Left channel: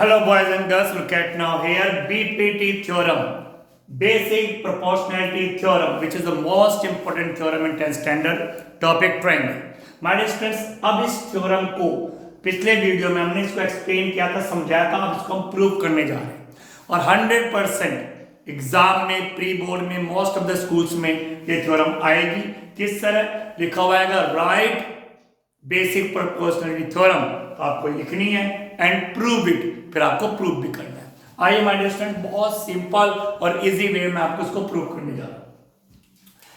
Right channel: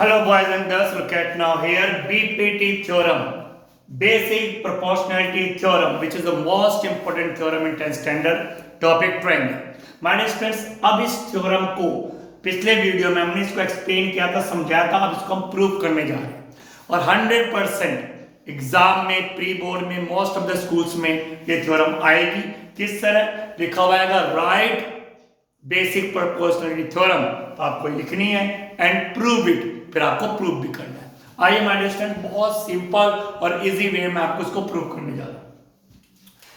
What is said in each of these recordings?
Hello boys and girls, look at now here BPT theorem, basic proportionality theorem, which is the most important theorem in 10th standard, topic triangle. My dear friends, अब इस theorem को पिछले video में हमने इसको explain किया था, समझाया था, अब इसको हम प्रूव करने जा रहे हैं और 100% एग्जाम में, प्री बोर्ड में, मोस्ट ऑफ द स्कूल्स में ये थ्योरम आएगी। किस तरह लिखा हुआ है, राइट बेसिक प्रोपोर्शनलिटी थ्योरम, तो आपको लिखनी है एंड प्रूव इट, फिर आपको प्रूव भी करना है। आइए माय डियर स्टूडेंट, बहुत सिंपल और इजी वे में आपको इसको प्रूव करने जा रहा हूं।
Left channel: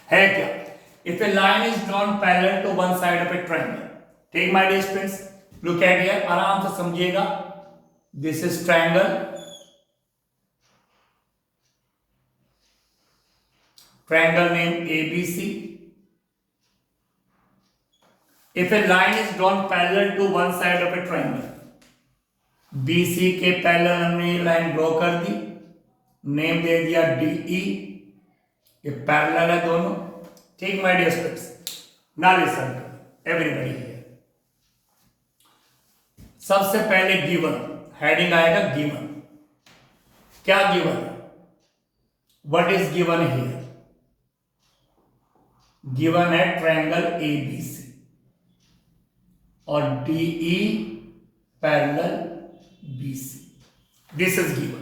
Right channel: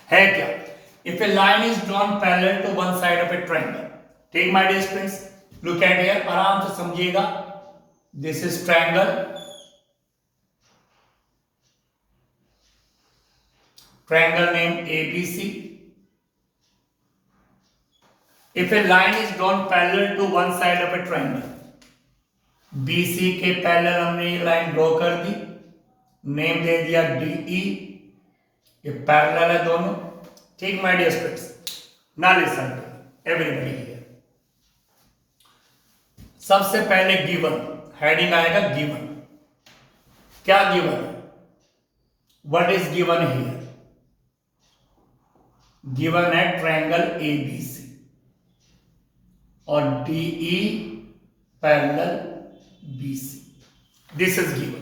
है क्या, if a line is drawn parallel to one side of a triangle, ठीक my dear students, look at here, आराम से समझिएगा। This is triangle, triangle name ABC. If a line is drawn parallel to one side of a triangle, BC के parallel हमने line draw कर दी, name दे दिया DE, ये parallel है दोनों, ठीक my dear students. Now listen everybody here, सबसे पहले गिवन हेडिंग आएगा, गिवन क्या गिवन है, what is given here, given है ट्रायंगल ABC और DE parallel BC। This is given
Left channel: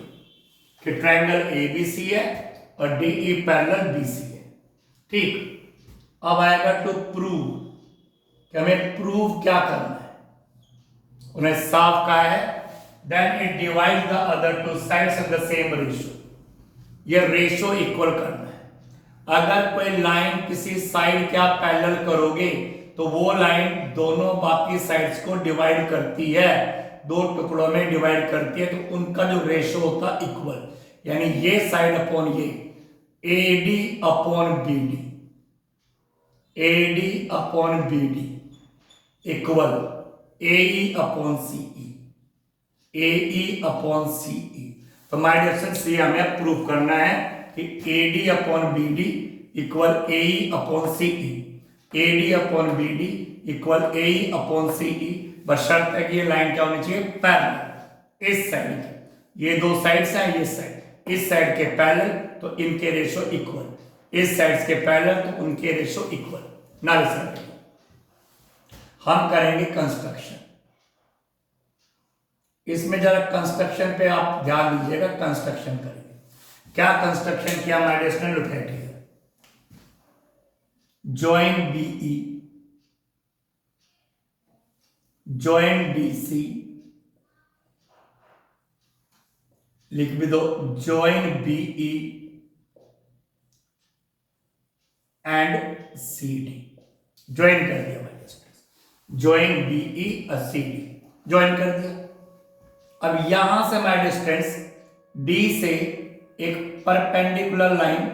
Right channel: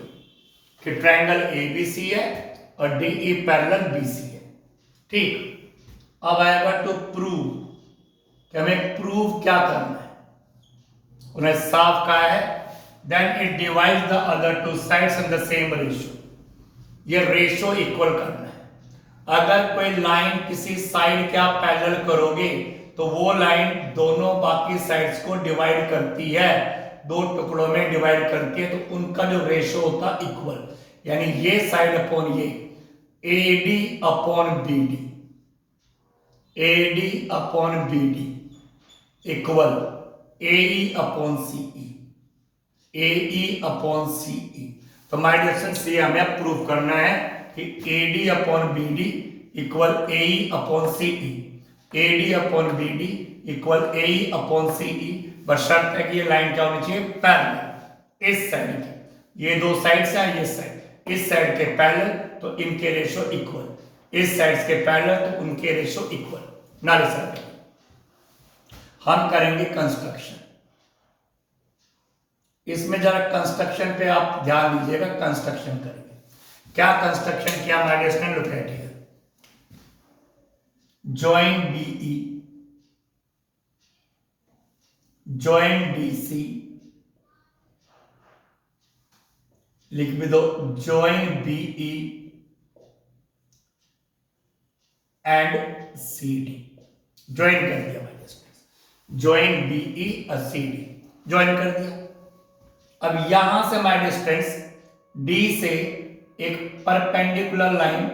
कि ट्रायंगल ABC है और DE पैरेलल BC है, ठीक। अब आएगा टू प्रूव, कि हमें प्रूव क्या करना है, उन्हें साफ कहा है, then it divide the other two sides in the same ratio, ये रेशियो इक्वल करना है। अगर कोई लाइन किसी साइड के आप पैरेलल करोगे तो वो लाइन दोनों बाकी साइड्स को डिवाइड करती है, दो टुकड़ों में डिवाइड करती है, तो उनका जो रेशियो होता है इक्वल, यानी ये साइड अपॉन ये, AD upon BD, AD upon BD equal AE अपॉन CE, AE अपॉन CE। तो माय डियर स्टूडेंट्स, ये हमें प्रूव करना है कि AD upon BD equal AE अपॉन CE, AD upon BD equal AE अपॉन CE, बशर्त है कि ये लाइन क्या होनी चाहिए, पैरेलल, इस साइड की, ये दो साइड से ये साइड, इस साइड के पैरेलल तो इनके रेशियो इक्वल, इस साइड के पैरेलल तो उनके रेशियो इक्वल। ना लिसन, हम करेंगे कंस्ट्रक्शन, इसमें जरा कंस्ट्रक्शन पे आप ध्यान दीजिएगा, कंस्ट्रक्शन करेंगे। क्या कंस्ट्रक्शन किया my dear student, look at here, join BE, join BC, लिख भी दो join BE and CD, join कर दिया मैंने, ज्वाइन BE और CD ज्वाइन कर दिया। अब यहां से माय डियर स्टूडेंट्स D से एक परपेंडिकुलर लाइन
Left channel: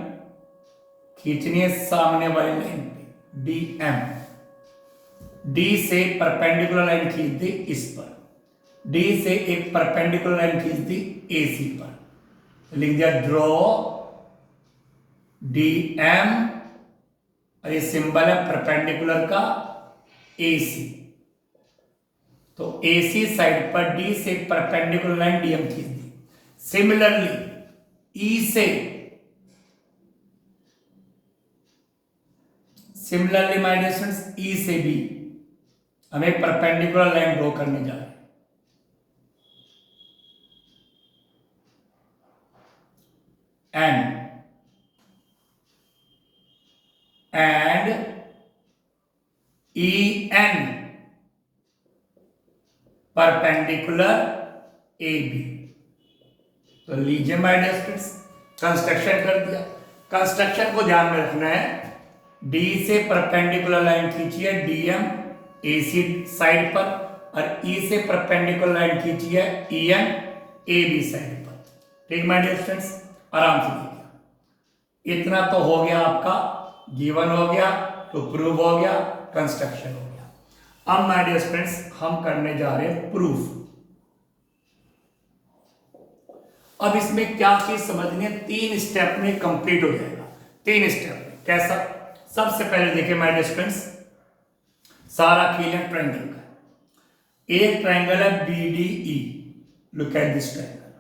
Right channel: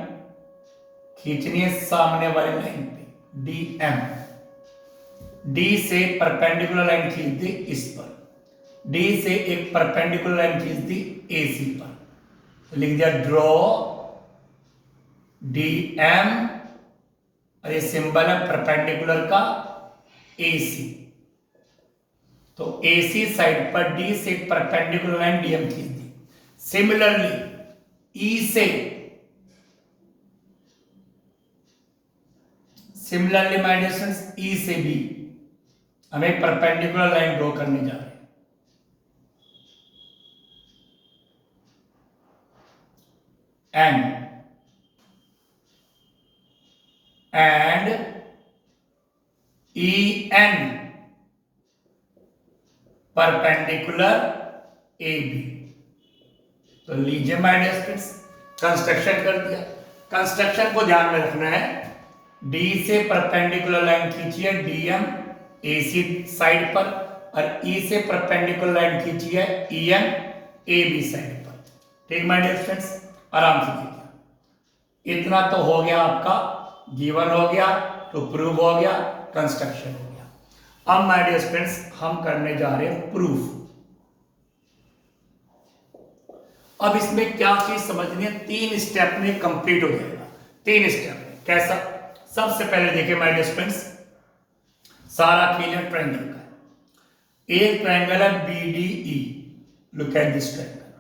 खींचनी है सामने वाली लाइन पे, DM, D से परपेंडिकुलर लाइन खींच दी इस पर, D से एक परपेंडिकुलर लाइन खींच दी AC पर, तो लिख दिया ड्रॉ DM, और ये सिंबल है परपेंडिकुलर का AC, तो AC साइड पर D से एक परपेंडिकुलर लाइन DM खींच दी। सिमिलरली E से, similarly my dear students, E से भी हमें परपेंडिकुलर लाइन ड्रॉ करने जा रहे हैं, एंड EN परपेंडिकुलर AB। तो लीजिए माय डियर स्टूडेंट्स, कंस्ट्रक्शन कर दिया। कंस्ट्रक्शन को ध्यान में रखना है, D से परपेंडिकुलर लाइन खींचिए DM AC साइड पर, और E से परपेंडिकुलर लाइन खींचिए EN AB साइड पर, ठीक माय डियर स्टूडेंट्स, आराम से कीजिए। इतना तो हो गया, आपका गिवन हो गया, तो प्रूव हो गया, कंस्ट्रक्शन हो गया। अब माय डियर स्टूडेंट्स हम करने जा रहे हैं प्रूफ। अब इसमें क्या चीज समझनी है, 3 स्टेप में कंप्लीट हो जाएगा, 3 स्टेप में। कैसा, सबसे पहले देखिए माय डियर स्टूडेंट्स, सारा खेल है ट्रायंगल का, एक ट्रायंगल है BDE, look at this triangle,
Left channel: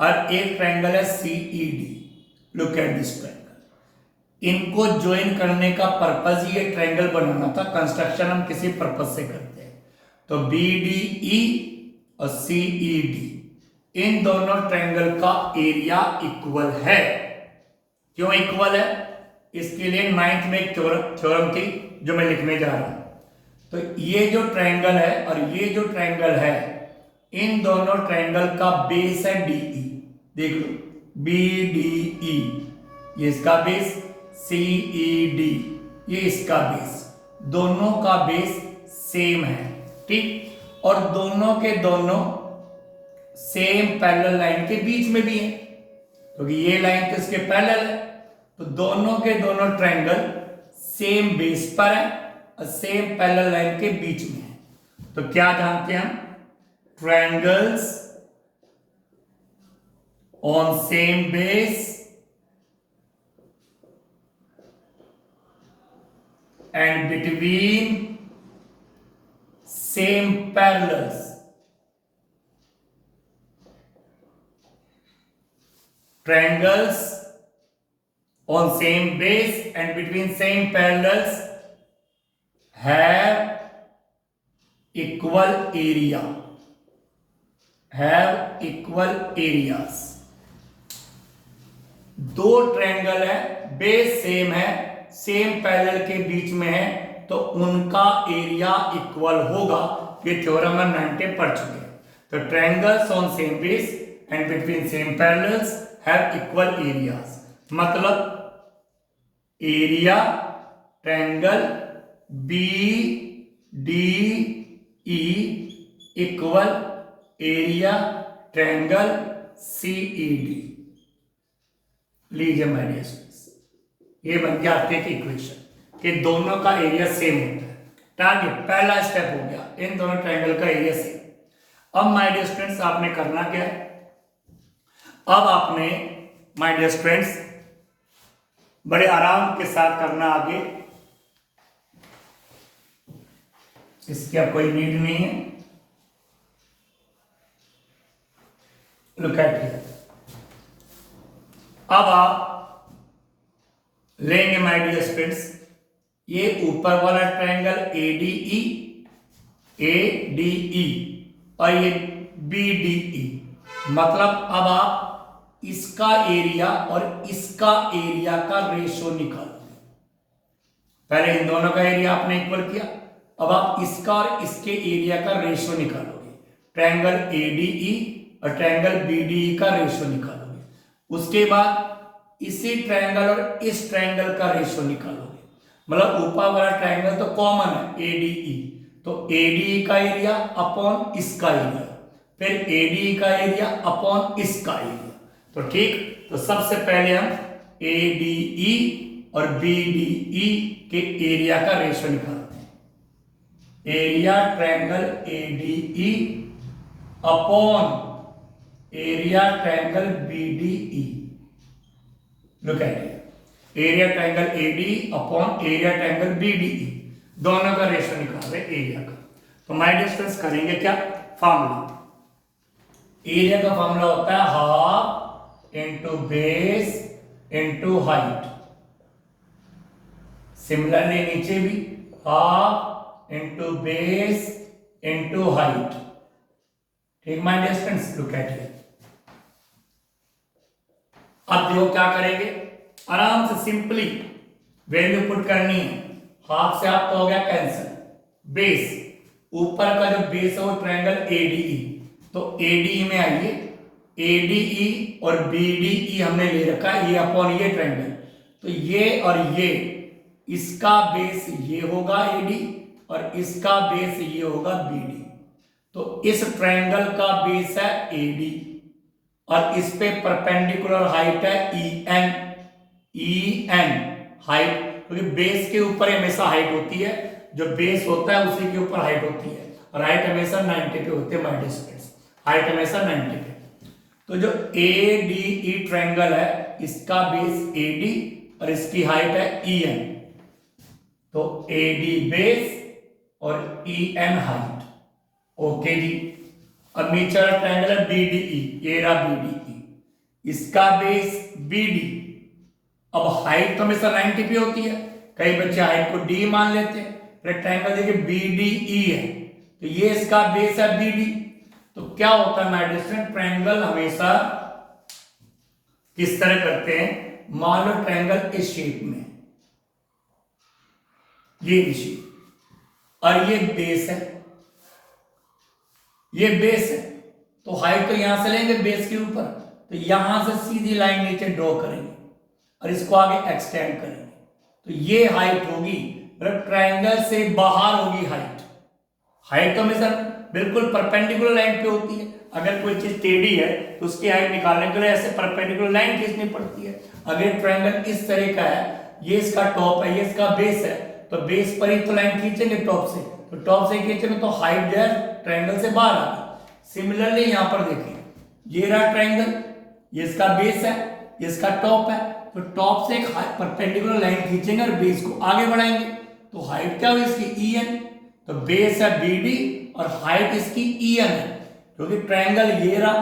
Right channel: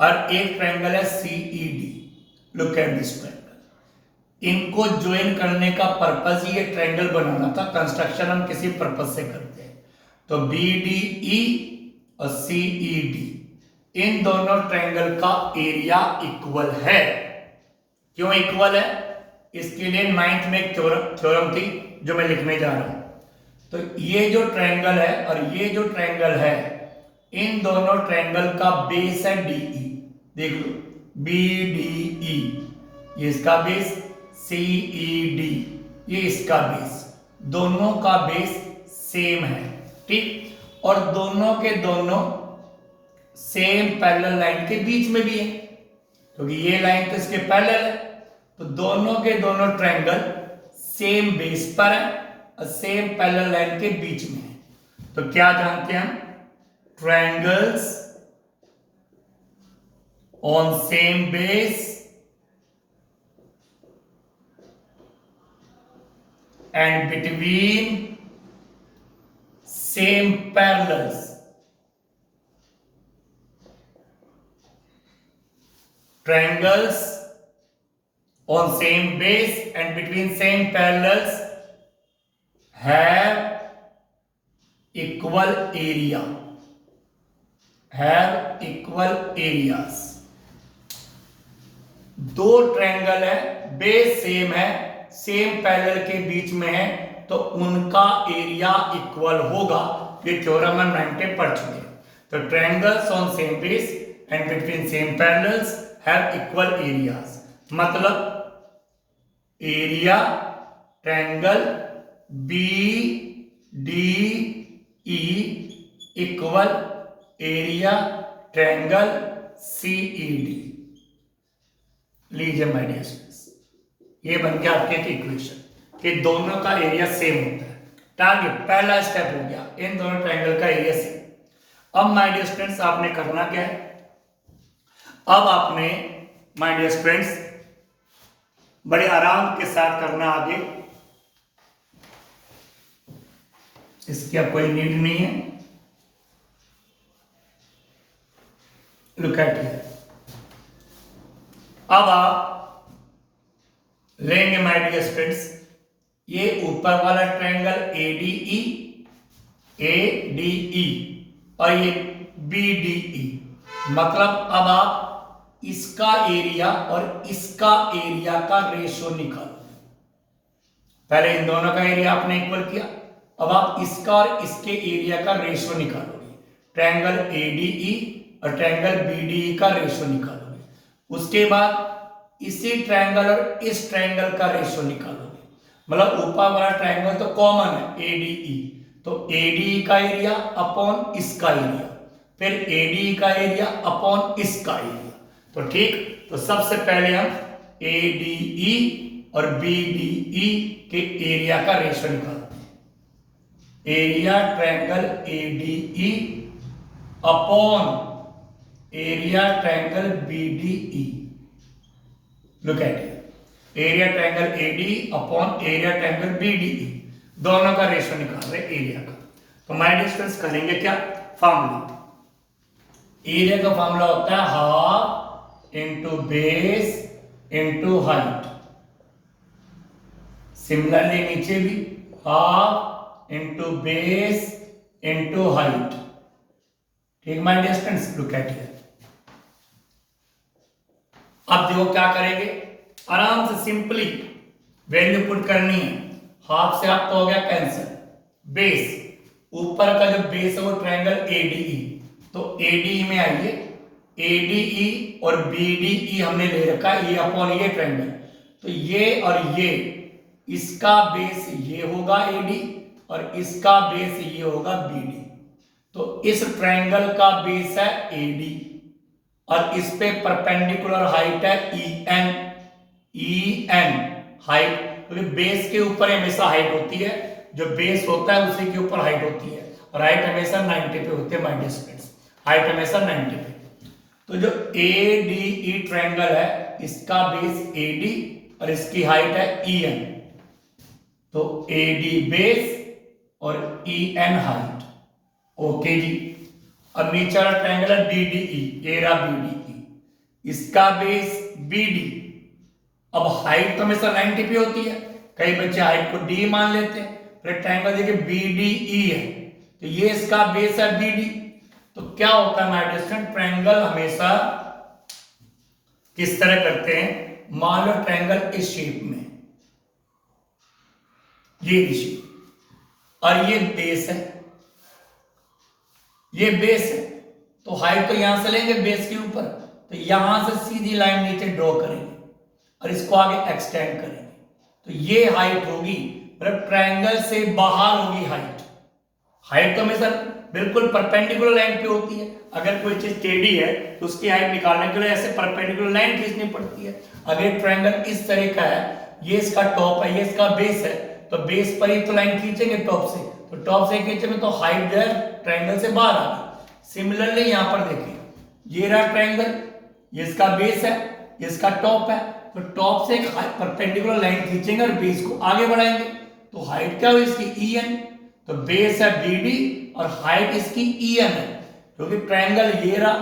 और एक ट्रायंगल है CED, look at this triangle. इनको ज्वाइन करने का पर्पज ही ये ट्रायंगल बनाना था। कंस्ट्रक्शन हम किसी पर्पज से करते हैं। तो बीडीई और सीईडी, इन दोनों ट्रायंगल का एरिया इक्वल है। क्यों इक्वल है? इसके लिए 9th में एक थ्योरम थी जो मैं लिखने जा रहा हूं। तो ये जो ट्रायंगल है और ये जो ट्रायंगल है, इन दोनों ट्रायंगल का बेस है डीई। देख लो, बीडीई ये इसका बेस, सीईडी ये इसका बेस, दोनों का बेस सेम है, ठीक। और दोनों के दोनों सेम पैरेलल लाइन के बीच में भी है, क्योंकि ये लाइन तो इसके पैरेलल है। तो दोनों के दोनों ट्रायंगल सेम बेस पर है और सेम पैरेलल लाइन के बीच में है। तो क्या जानते हैं हम? Triangles on same base and between same parallels, triangles on same base and between same parallels have equal area, have equal areas। दो ट्रायंगल है, बेस सेम है, सेम पैरेलल के बीच में है, तो उनका एरिया इक्वल होगा। ये थ्योरम हम 9 पढ़ चुके हैं। तो triangles on same base and between same parallels have equal areas, मतलब area triangle B D E equal area triangle C E D. लीजिए माय डियर स्टूडेंट्स, ये बन गया आपके एक इक्वेशन कि दोनों का एरिया सेम होता है। टारगेट पहला स्टेप हो गया, इन दोनों ट्रायंगल का एरिया सेम। अब माय डियर स्टूडेंट्स आपने करना क्या है? अब आपने माय डियर स्टूडेंट्स बड़े आराम के साथ करना आगे, इसकी अब कोई नीड नहीं है। लुक एट हियर, अब आप लेंगे माय डियर स्टूडेंट्स ये ऊपर वाला ट्रायंगल एडीई, एडीई और ये बीडीई, मतलब अब आप इसका एरिया और इसका एरिया का रेशो निकालो। पहले इन दोनों का एरिया आपने इक्वल किया, अब आप इसका और इसके एरिया का रेशो निकालोगे। ट्रायंगल एडीई और ट्रायंगल बीडीई का रेशो निकालोगे। उसके बाद इसी ट्रायंगल और इस ट्रायंगल का रेशो निकालोगे। मतलब ऊपर वाला ट्रायंगल तो कॉमन है एडीई, तो एडीई का एरिया अपॉन इसका एरिया, फिर एडीई का एरिया अपॉन इसका एरिया। तो ठीक, तो सबसे पहले हम एडीई और बीडीई के एरिया का रेशो निकालते हैं। Area triangle ADE upon area triangle BDE. Look at it, area triangle AD upon area triangle BDE, दोनों का रेशो निकाल रहे एरिया का। तो माय डिस्टेंस करेंगे क्या? फॉर्मूला, एरिया का फॉर्मूला होता है half into base into height. Similarly नीचे भी half into base into height. ठीक my distance, look at it. अब देखो क्या करेंगे, आराम से सिंपली वैल्यू पुट करनी है। हाफ से हाफ तो हो गया कैंसिल, बेस ऊपर का जो बेस है वो ट्रायंगल एडीई, तो एडीई में आइए, एडीई और बीडीई हमने ले रखा है, ये अपॉन ये ट्रायंगल, तो ये और ये, इसका बेस ये होगा एडी और इसका बेस ये होगा बीडी। तो इस ट्रायंगल का बेस है एडी और इस पे परपेंडिकुलर हाइट है EN, EN हाइट, क्योंकि बेस के ऊपर हमेशा हाइट होती है, जो बेस होता है उसी के ऊपर हाइट होती है, और हाइट हमेशा 90 पे होती है माय डियर स्टूडेंट्स, हाइट हमेशा 90 पे। तो जो ADE ट्रायंगल है इसका बेस AD और इसकी हाइट है EN, तो AD बेस और EN हाइट। ओके जी, अब नीचे वाला ट्रायंगल है BDE, ये रहा BDE, इसका बेस BD। अब हाइट तो हमेशा 90 पे होती है, कई बच्चे हाइट को D मान लेते हैं। फिर ट्रायंगल देखिए BDE है, तो ये इसका बेस है BD। तो क्या होता है माय डियर स्टूडेंट, ट्रायंगल हमेशा किस तरह करते हैं, मान लो ट्रायंगल इस शेप में, ये शेप, और ये बेस है, ये बेस है, तो हाइट तो यहां से लेंगे बेस के ऊपर, तो यहां से सीधी लाइन नीचे ड्रॉ करेंगे और इसको आगे एक्सटेंड करेंगे, तो ये हाइट होगी, मतलब ट्रायंगल से बाहर होगी हाइट। हाइट तो हमेशा बिल्कुल परपेंडिकुलर लाइन पे होती है, अगर कोई चीज टेढ़ी है तो उसकी हाइट निकालने के लिए ऐसे परपेंडिकुलर लाइन खींचनी पड़ती है। अगर ट्रायंगल इस तरह का है, ये इसका टॉप है, ये इसका बेस है, तो बेस पर ही तो लाइन खींचेंगे टॉप से, तो टॉप से खींचेंगे तो हाइट जो है ट्रायंगल से बाहर आ गई। सिमिलरली यहां पर देखिए, ये रहा ट्रायंगल, ये इसका बेस है, ये इसका टॉप है, तो टॉप से एक परपेंडिकुलर लाइन खींचेंगे और बेस को आगे बढ़ाएंगे, तो हाइट क्या हुई इसकी EN। तो बेस है BD और हाइट इसकी EN है, क्योंकि ट्रायंगल ये रहा,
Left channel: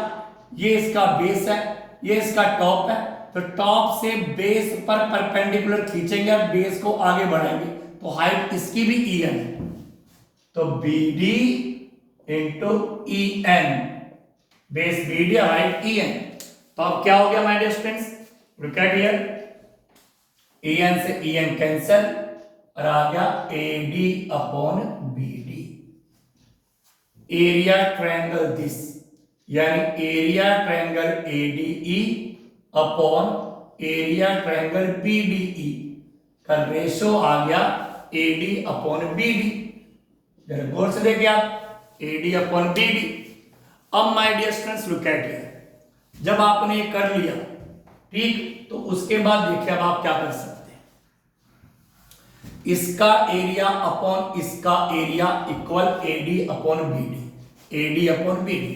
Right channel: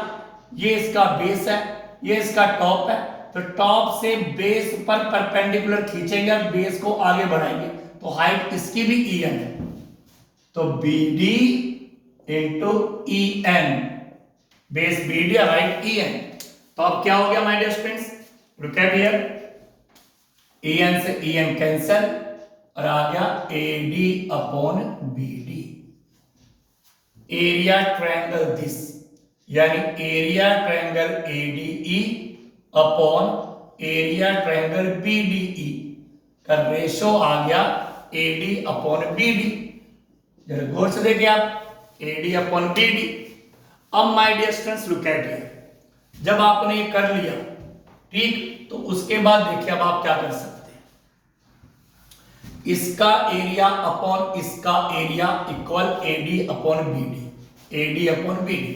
ये इसका बेस है, ये इसका टॉप है, तो टॉप से बेस पर परपेंडिकुलर खींचेंगे और बेस को आगे बढ़ाएंगे, तो हाइट इसकी भी EN है, तो BD into EN, base BD height EN। तो अब क्या हो गया my dear students, look at here, EN से EN कैंसल और आ गया AD upon BD, area triangle this, यानी area triangle ADE upon area triangle BDE का रेशो आ गया AD अपॉन BD। जरा गौर से देखिए आप, AD अपॉन BD। अब my dear students look at here, जब आपने ये कर लिया ठीक, तो उसके बाद देखिए अब आप क्या कर सकते हैं, इसका एरिया अपॉन इसका area equal AD upon BD, AD upon BD,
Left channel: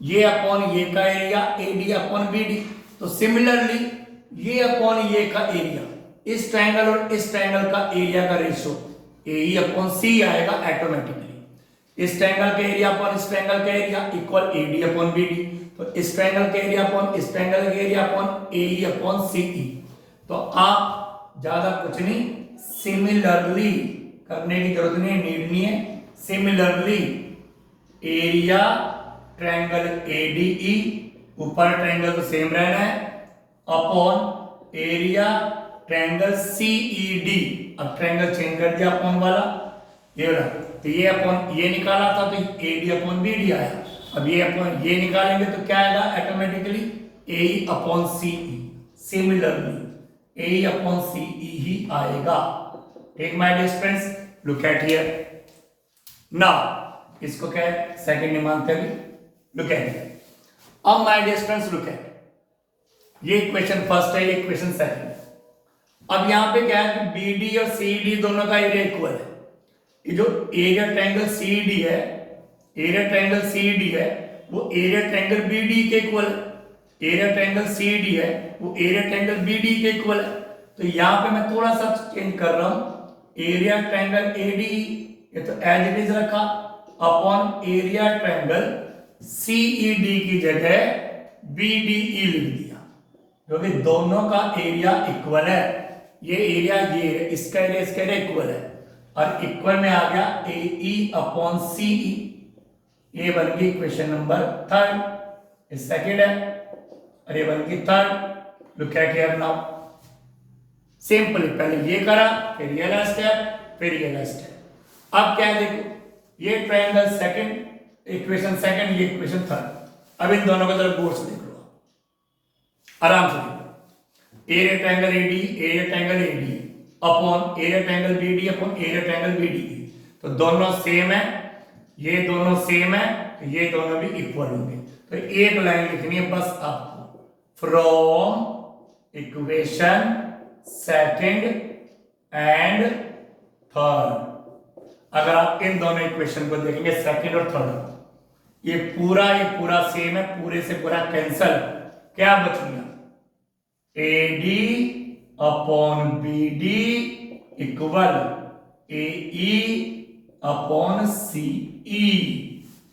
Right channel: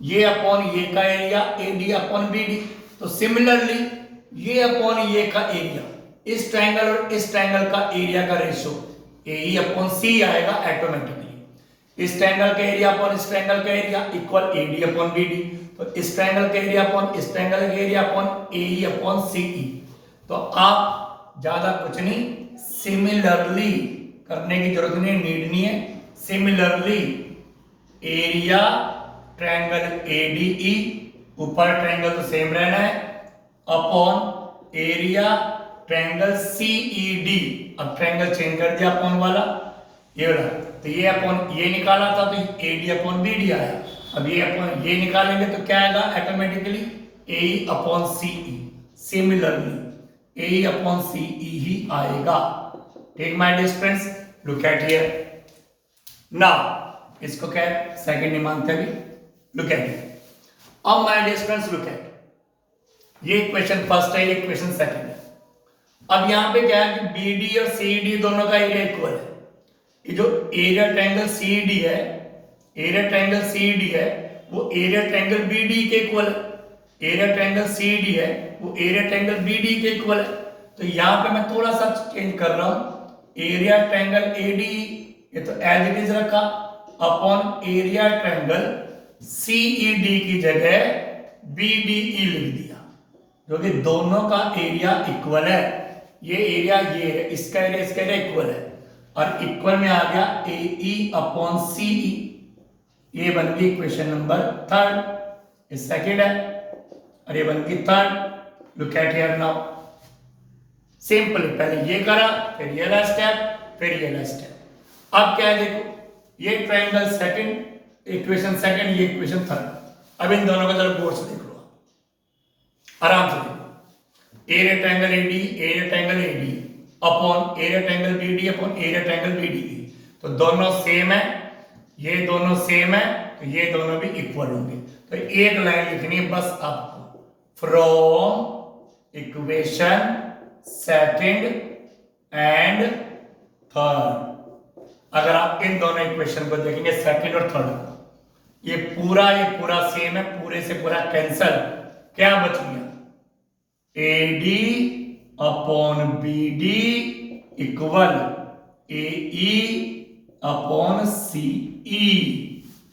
ये अपॉन ये का एरिया AD अपॉन BD। तो सिमिलरली ये अपॉन ये का एरिया, इस ट्रायंगल और इस ट्रायंगल का एरिया का रेशो AE अपॉन C आएगा ऑटोमेटिकली। इस ट्रायंगल का एरिया अपॉन इस ट्रायंगल का area equal AD upon BD, तो इस ट्रायंगल का एरिया अपॉन इस ट्रायंगल का एरिया अपॉन AE अपॉन CE। तो आप ज्यादा कुछ नहीं, सिमिलरली करने की जरूरत नहीं, नीड नहीं है। सिमिलरली एरिया ट्रायंगल ADE, ऊपर ट्रायंगल तो सेम रहना है, अपॉन एरिया ट्रायंगल CED। अब ट्रायंगल चेंज कर दिया अपॉन वाला, ये वाला, तो ये अपॉन ये निकाला था तो AD अपॉन BD आया। अब ये अपॉन ये निकालेंगे तो क्या आएगा ऑटोमेटिकली AE अपॉन CE। सिमिलरली AE अपॉन CE ही आएगा। Take my dear students, look at here now, इसको क्या है सेकंड नहीं मानते अभी, लुक एट हियर। अब my dear students look at, ये क्वेश्चन फर्स्ट है, ये क्वेश्चन सेकंड है। अब यहां पे क्या है कि BD और CED दोनों का एरिया इक्वल है। ये जो एरिया ट्रायंगल CED है, एरिया ट्रायंगल CED है वो एरिया ट्रायंगल BD के इक्वल है, एरिया ट्रायंगल CED है वो एरिया ट्रायंगल BD के इक्वल है। तो यहां पे मैं थोड़ा सा चेंज कर रहा हूं, एरिया ट्रायंगल ADE ये तो एज इट इज रखा, अपॉन एरिया ट्रायंगल CED की जगह BDE लिख दिया, क्योंकि दोनों का एरिया इक्वल है। ये एरिया ये है, इसका एरिया इक्वल है, और इक्वल में आ गया AE अपॉन CE। ये बन गई क्वेश्चन नंबर थर्ड, ये सेकंड है और ये बन गई third. Look at here now, simple, पहले ये करा फिर ये वाला स्टेप फिर ये वाला स्टेप। अब क्या है देखो, ये ट्रायंगल सेकंड, इक्वेशन सेकंड, ये इक्वेशन थर्ड। अब इन दोनों को जरा गौर से देख लो, आराम से देखो, area triangle AD, area triangle AD upon area triangle BD upon area triangle BDE। तो दोनों सेम है, ये दोनों सेम है, तो ये दोनों भी इक्वल होंगे। तो एक लाइन लिखनी है बस आपको, from equation second and third. अगर आप इन दोनों इक्वेशन को देखेंगे सेकंड और थर्ड, ये पूरा सेम है, पूरे से पूरा कैंसल, क्या बच गया AD upon BD equal AE अपॉन CE।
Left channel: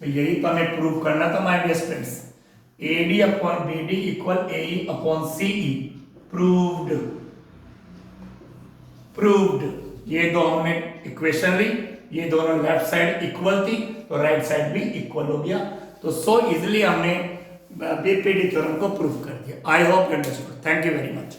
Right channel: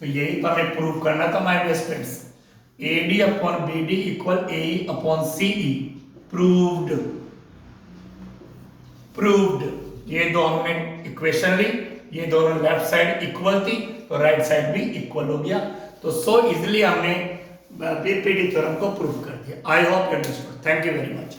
तो यही तो हमें प्रूव करना था my dear students. AD upon BD equal AE अपॉन CE। प्रूव्ड। प्रूव्ड। ये दो हमने इक्वेशन ली, ये दोनों लेफ्ट साइड इक्वल थी तो राइट साइड भी इक्वल हो गया। तो सो इजिली हमने बीपीटी थ्योरम को प्रूव कर दिया। I hope you understood. Thank you very much.